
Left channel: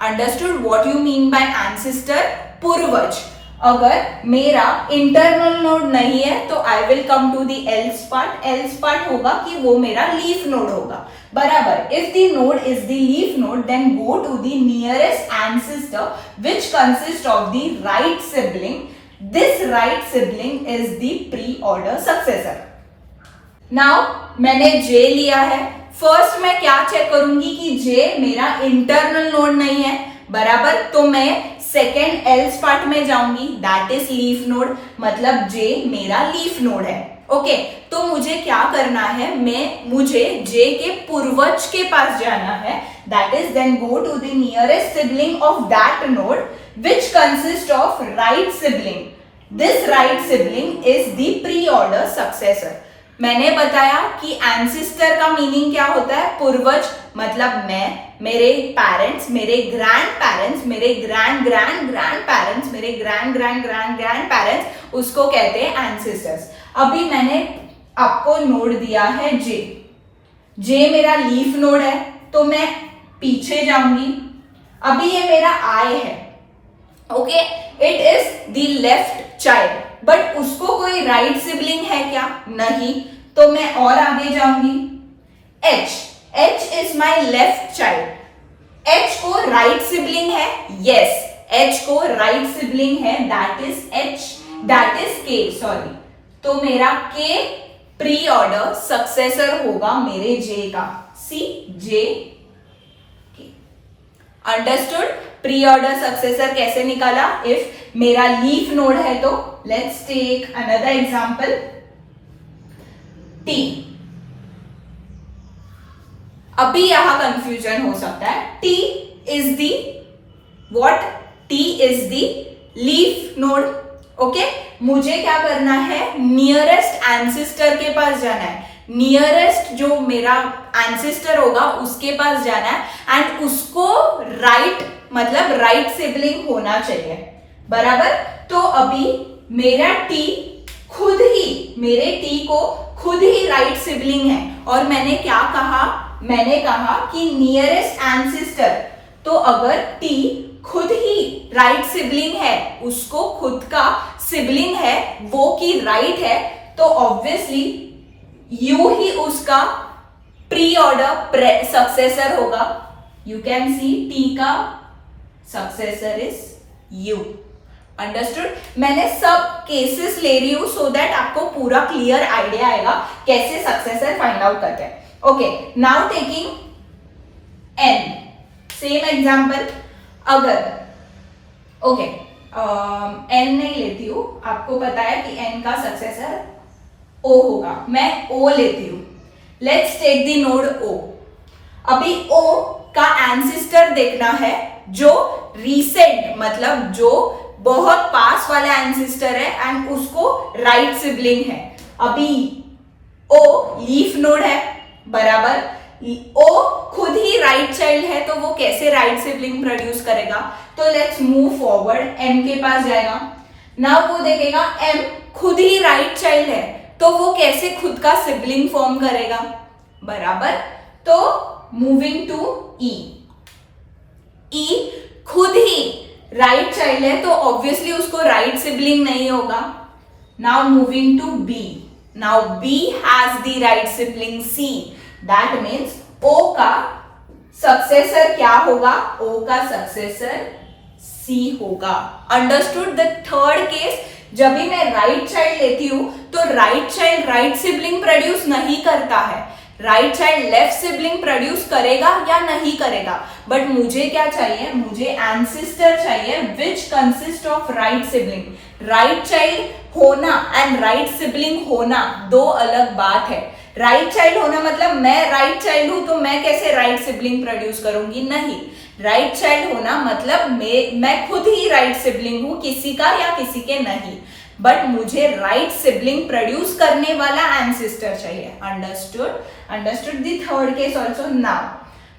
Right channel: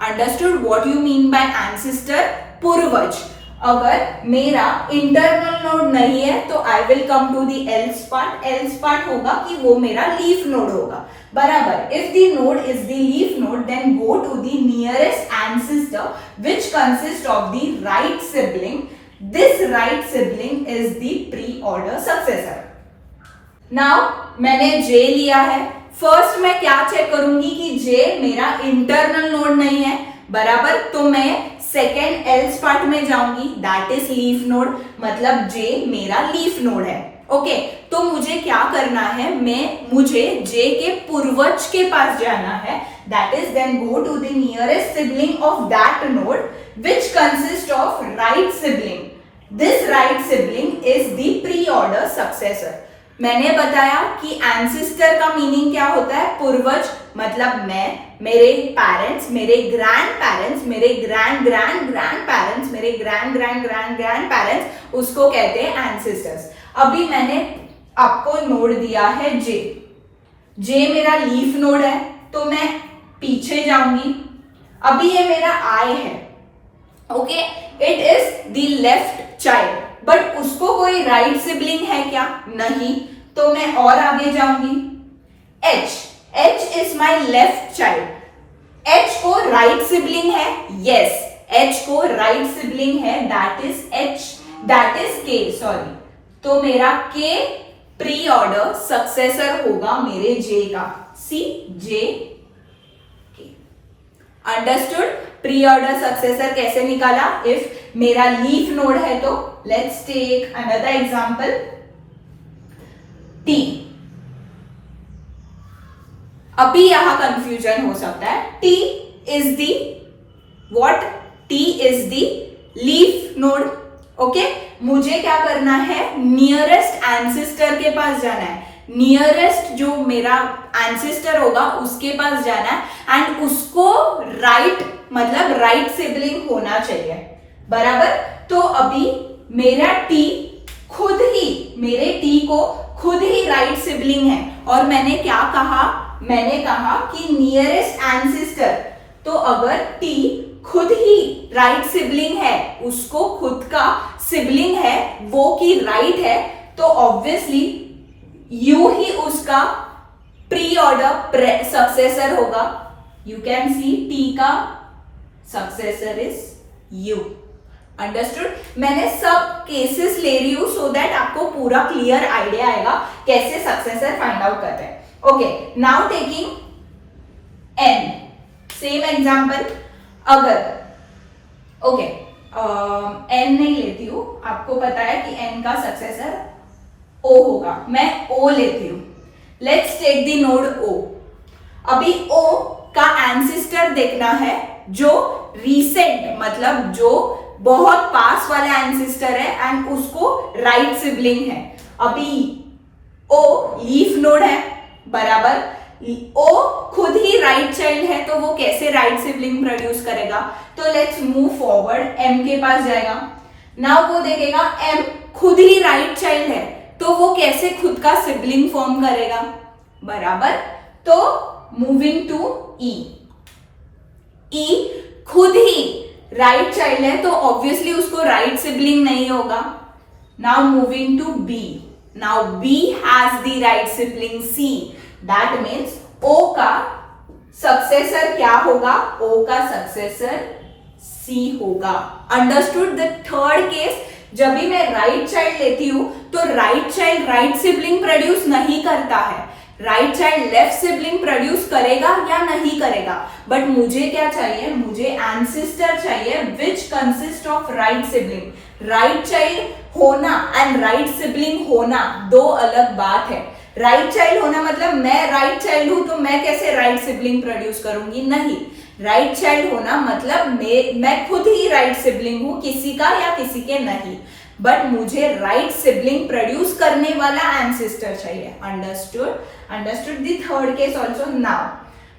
Understood what you mean by ancestor? पूर्वज। अगर मेरा इंटरनल नोड नहीं है तो I will come to the else part. Else part होगा कि वो मेरा लीफ नोड होगा. बराबर. If the node is the leaf node then go to the nearest ancestor which consist of the right sibling. This right sibling is the pre order successor. Now मैंने जे लिया है. फर्स्ट मैं क्या चेक करूंगी कि जे मेरा इंटरनल नोड नहीं है. बराबर. तो मैं सेकेंड एल्स पार्ट में जाऊंगी, दैट इज लीफ नोड. मतलब जे मेरा लीफ नोड है. ओके तो मुझे क्या करना है, मुझे जे के पूर्वज के पास जाना है. That is then go to the nearest sibling of that node which consist of right sibling. This right sibling is the pre order successor. मैंने बताया कि एंसेस्टर का मीनिंग क्या होता है, पूर्वज. मतलब मैं, मेरे पेरेंट्स, मेरे ग्रैंड पेरेंट्स, मेरे ग्रैंड ग्रैंड ग्रैंड पेरेंट्स, मेरे grand grand grand grand parents, उसको कहते हैं एंसेस्टर्स. अभी मैंने आपको नोड दिया है जे. जे मेरा लीफ नोड है तो मैं पीछे जाऊंगी. अभी ये मेरा आई है. Okay it is the left child. But उसको कोई राइट सिबलिंग है क्या? नहीं. तो मैं और आगे जाऊंगी. H. H is my left child. H को राइट सिबलिंग है. यस एच को राइट सिबलिंग है. That is H. That is के. सॉरी. तो मेरा के प्री ऑर्डर सक्सेसर होगा मेरे जे का. सी जे के. अंडरस्टूड. प्री ऑर्डर सक्सेसर कैसे निकाला? इफ मेरा लीफ नोड है तो let's take another example. T. अभी यहां कंफ्यूजन हो सकता है. T is the what? T is the leaf node. Okay मुझे क्या करना है, नियरेस्ट एंसेस्टर के पास जाना है. नियरेस्ट जो मेरा एंसेस्टर होगा उसके पास जाना है एंड उसको राइट मतलब राइट सिबलिंग होना चाहिए. बराबर. तो अभी मेरा टी खुद ही, मेरे टी को खुद ही राइट सिबलिंग है. और मैंने क्या कहा, मैंने कहा कि नियरेस्ट एंसेस्टर. तो अगर टी खुद ही राइट सिबलिंग है, उसको खुद का सिबलिंग है वो की राइट है, तो ऑब्वियसली यू ही उसका प्री ऑर्डर सक्सेसर होगा. यू कैन सी टी का सक्सेसर इज यू. अंडरस्टूड. मैंने सब केसेस ले रही हूं सो दैट आपको पूरा क्लियर आइडिया आएगा कैसे सक्सेसर फाइंड आउट करते हैं. Okay now taking an. Same example. अगर ओके एन नहीं लेती हूं, आपको पता है कि एन का सक्सेसर ओ होगा. मैं ओ लेती हूं. लेट्स टेक द नोड ओ. अभी ओ का एंसेस्टर देखना है जो रीसेंट मतलब जो बहुत पास वाला एंसेस्टर है एंड उसको राइट सिबलिंग है. अभी ओ लीफ नोड है. बराबर. ओ खुद ही राइट चाइल्ड है तो वो कैसे राइट सिबलिंग प्रोड्यूस करेगा? तो लेट्स मूव फॉरवर्ड. एम के पास जाएगा. नाउ वो देखेगा एम खुद ही राइट चाइल्ड है तो वो कैसे खुद का सिबलिंग फॉर्म करेगा? बराबर. तो मूविंग टू ई. ई खुद ही राइट चाइल्ड है तो ऑब्वियसली उसको राइट सिबलिंग नहीं होगा. Now moving to B. Now B has the right sibling C. That means O का सक्सेसर क्या होगा? ओ का सक्सेसर सी होगा. अंडरस्टूड. द थर्ड केस, जब भी मैं राइट चाइल्ड लेती हूं तो right child right sibling produce नहीं करता है. Right child left sibling produce करेगा या नहीं करेगा. बट मुझे क्या चाहिए? मुझे एंसेस्टर चाहिए विच consist of right sibling. Right child होना एंड राइट सिबलिंग होना दो अलग बात है. राइट चाइल्ड होना मतलब मैं राइट चाइल्ड हूं तो मैं कैसे राइट सिबलिंग प्रोड्यूस करूंगी? नहीं. राइट चाइल्ड होना मतलब मैं खुद ही राइट सिबलिंग हूं, किसी का या किसी के नहीं. बट मुझे राइट सिबलिंग प्रोड्यूस करने वाला एंसेस्टर चाहिए. Understood. Understood. The third case also. Now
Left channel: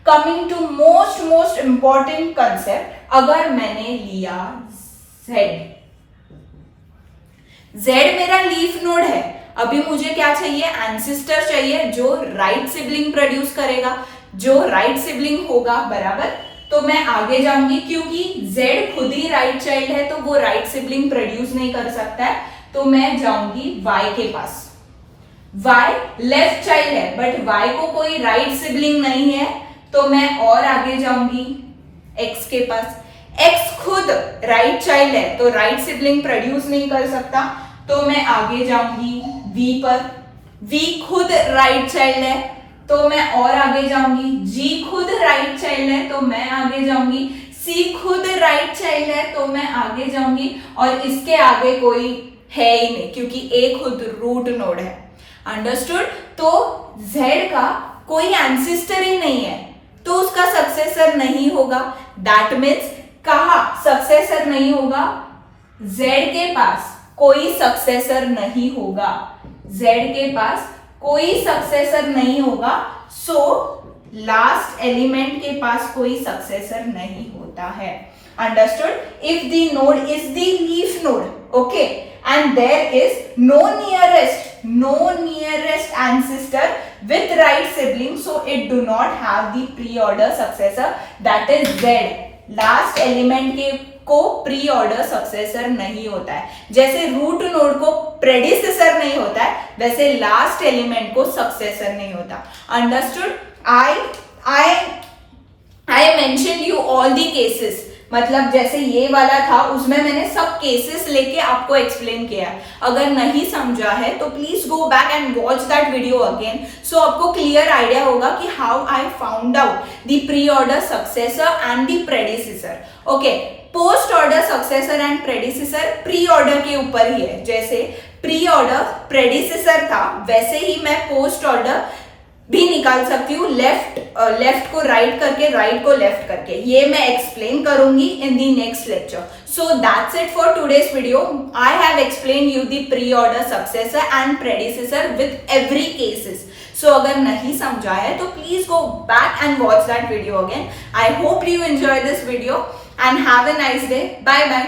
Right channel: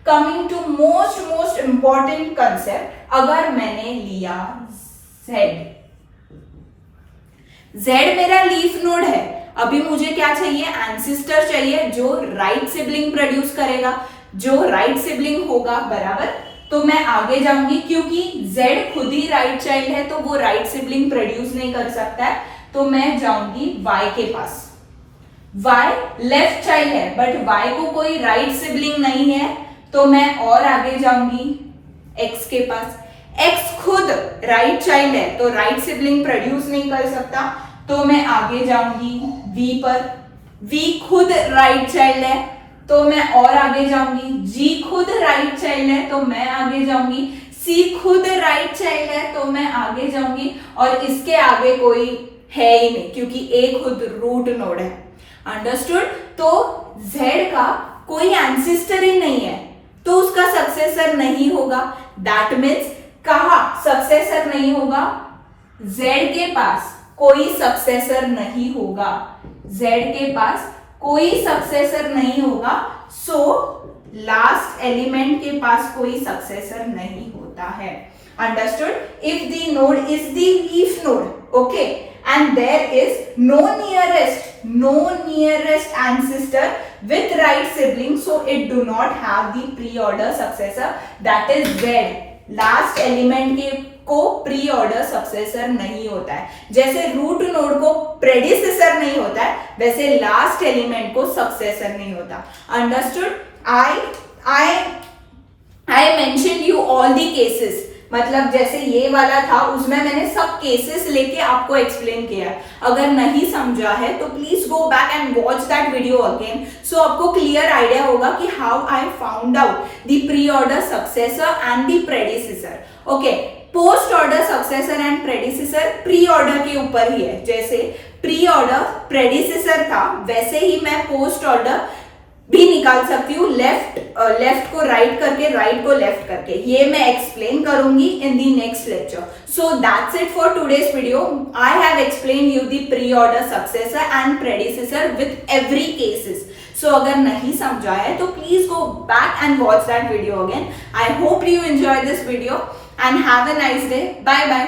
coming to most important concept. अगर मैंने लिया जेड. जेड मेरा लीफ नोड है. अभी मुझे क्या चाहिए? एंसेस्टर चाहिए जो राइट सिबलिंग प्रोड्यूस करेगा, जो राइट सिबलिंग होगा. बराबर. तो मैं आगे जाऊंगी, क्योंकि Z खुद ही राइट चाइल्ड है तो वो राइट सिबलिंग प्रोड्यूस नहीं कर सकता है, तो मैं जाऊंगी Y के पास। Y लेफ्ट चाइल्ड है बट Y को कोई राइट सिबलिंग नहीं है, तो मैं और आगे जाऊंगी X के पास। X खुद राइट चाइल्ड है तो राइट सिबलिंग प्रोड्यूस नहीं कर सकता, तो मैं आगे जाऊंगी V पर। V खुद राइट चाइल्ड है तो मैं और आगे जाऊंगी। G खुद राइट चाइल्ड है तो मैं आगे जाऊंगी। C खुद राइट चाइल्ड है तो मैं आगे जाऊंगी, और इसके आगे कोई है ही नहीं क्योंकि A खुद रूट नोड है। अंडरस्टूड? तो Z का कोई एंसेस्टर ही नहीं है तो उसका सक्सेसर नहीं होगा। दैट मीन्स कहा सक्सेसर नहीं होगा, Z के पास कोई सक्सेसर नहीं होगा। Z के पास कोई सक्सेसर नहीं होगा, सो लास्ट एलिमेंट के पास कोई सक्सेसर नहीं होता है। Understood? If the node is the leaf node, okay, and there is no nearest ancestor with right sibling, so it do not have the pre-order successor, that is Z। Last element के को प्री ऑर्डर सक्सेसर नहीं होता है। जैसे रूट नोड को प्रेडिसेसर नहीं होता है, वैसे लास्ट एलिमेंट को सक्सेसर नहीं होता। Understood? I mention you all the cases, मतलब जैसे ये वाला था उसमें मैंने सब केसेस लेके आपको एक्सप्लेन किया है। अगर नहीं समझा है तो please go back and watch that video again, so आपको क्लियर आइडिया होगा कि how I found out the pre order successor and the predecessor. Okay, post order successor and predecessor pre order के ऊपर ही है। जैसे प्री ऑर्डर प्रेडिसेसर था वैसे ही मैं पोस्ट ऑर्डर भी निकाल सकती हूँ, लेफ्ट को राइट करके, राइट को लेफ्ट करके। ये मैं एक्सप्लेन करूंगी in the next lecture. So that's it for today's video. I have explain you the pre order successor and predecessor with every cases. So अगर नहीं समझा है तो please go back and watch that video again. I hope you enjoy this video and have a nice day. Bye bye.